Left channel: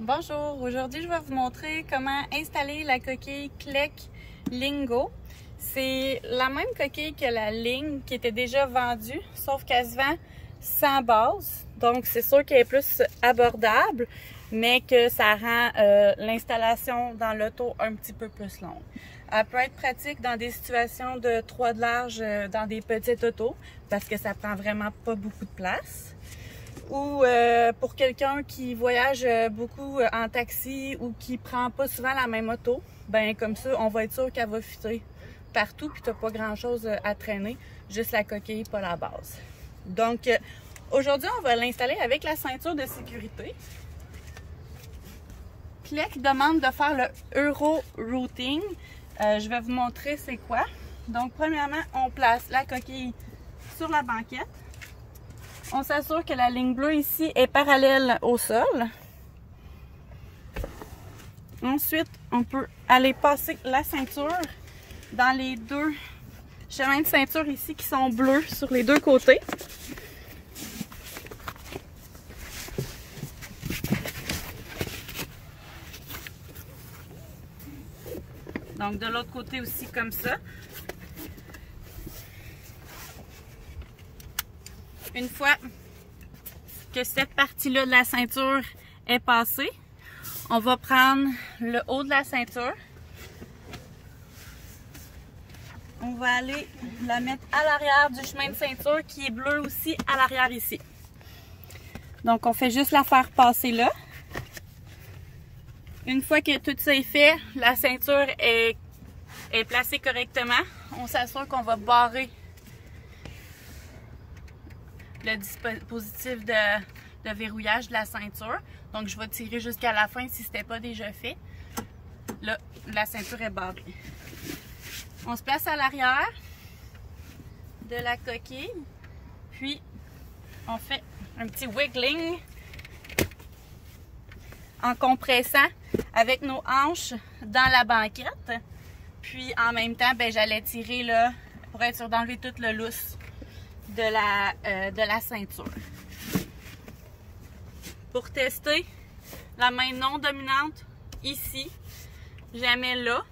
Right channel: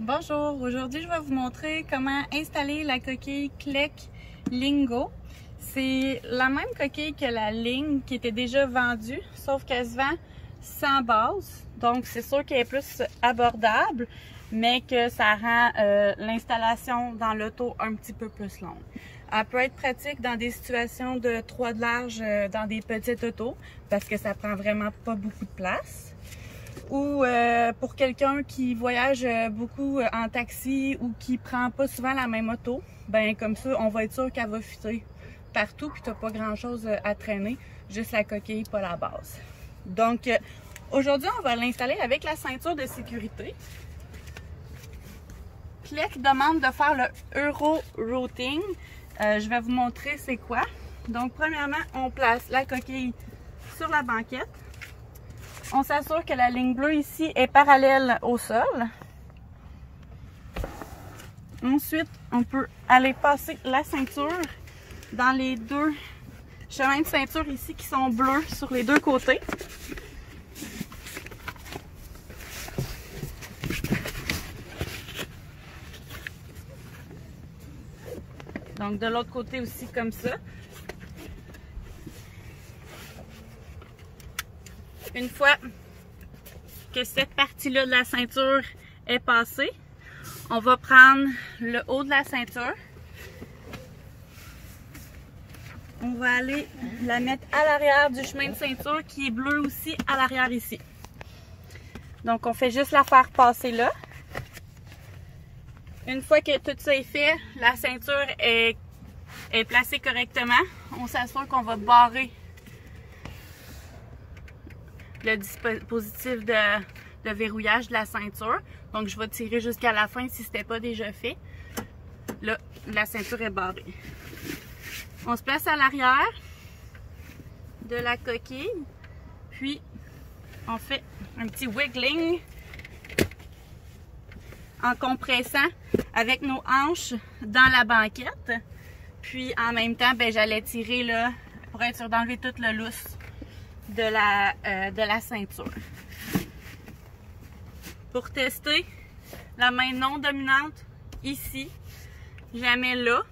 Bonjour, aujourd'hui je vais vous montrer comment installer la coquille Kleck Lingo. C'est la même coquille que la ligne qui était déjà vendue, sauf qu'elle se vend sans base. Donc c'est sûr qu'elle est plus abordable, mais que ça rend l'installation dans l'auto un petit peu plus longue. Elle peut être pratique dans des situations de 3 de large dans des petites autos, parce que ça prend vraiment pas beaucoup de place. Ou pour quelqu'un qui voyage beaucoup en taxi ou qui prend pas souvent la même auto, ben comme ça, on va être sûr qu'elle va fitter partout puis t'as pas grand chose à traîner, juste la coquille, pas la base. Donc aujourd'hui, on va l'installer avec la ceinture de sécurité. Kleck demande de faire le Euro Routing. Je vais vous montrer c'est quoi. Donc premièrement, on place la coquille sur la banquette. On s'assure que la ligne bleue ici est parallèle au sol. Ensuite, on peut aller passer la ceinture dans les deux chemins de ceinture ici qui sont bleus sur les deux côtés. Donc de l'autre côté aussi comme ça. Une fois que cette partie-là de la ceinture est passée, on va prendre le haut de la ceinture. On va aller la mettre à l'arrière du chemin de ceinture qui est bleu aussi à l'arrière ici. Donc on fait juste la faire passer là. Une fois que tout ça est fait, la ceinture est placée correctement, on s'assure qu'on va barrer le dispositif de verrouillage de la ceinture. Donc je vais tirer jusqu'à la fin si ce n'était pas déjà fait. Là, la ceinture est barrée. On se place à l'arrière de la coquille, puis on fait un petit wiggling en compressant avec nos hanches dans la banquette. Puis en même temps, ben, j'allais tirer là pour être sûr d'enlever tout le lousse de la ceinture. Pour tester, la main non dominante ici, je la mets là,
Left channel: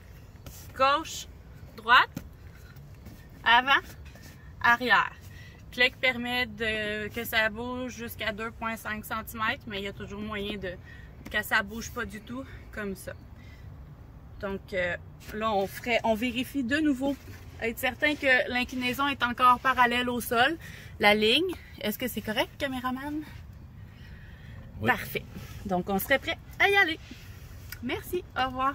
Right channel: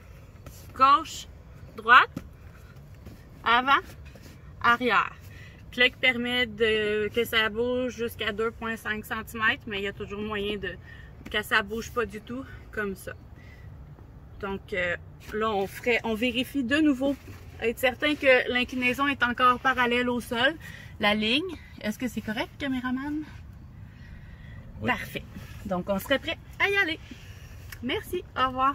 gauche, droite, avant, arrière. Kleck permet que ça bouge jusqu'à 2,5 cm, mais il y a toujours moyen que ça bouge pas du tout comme ça. Donc là, on vérifie de nouveau, être certain que l'inclinaison est encore parallèle au sol. La ligne, est-ce que c'est correct, caméraman? Oui. Parfait. Donc on serait prêt à y aller. Merci, au revoir.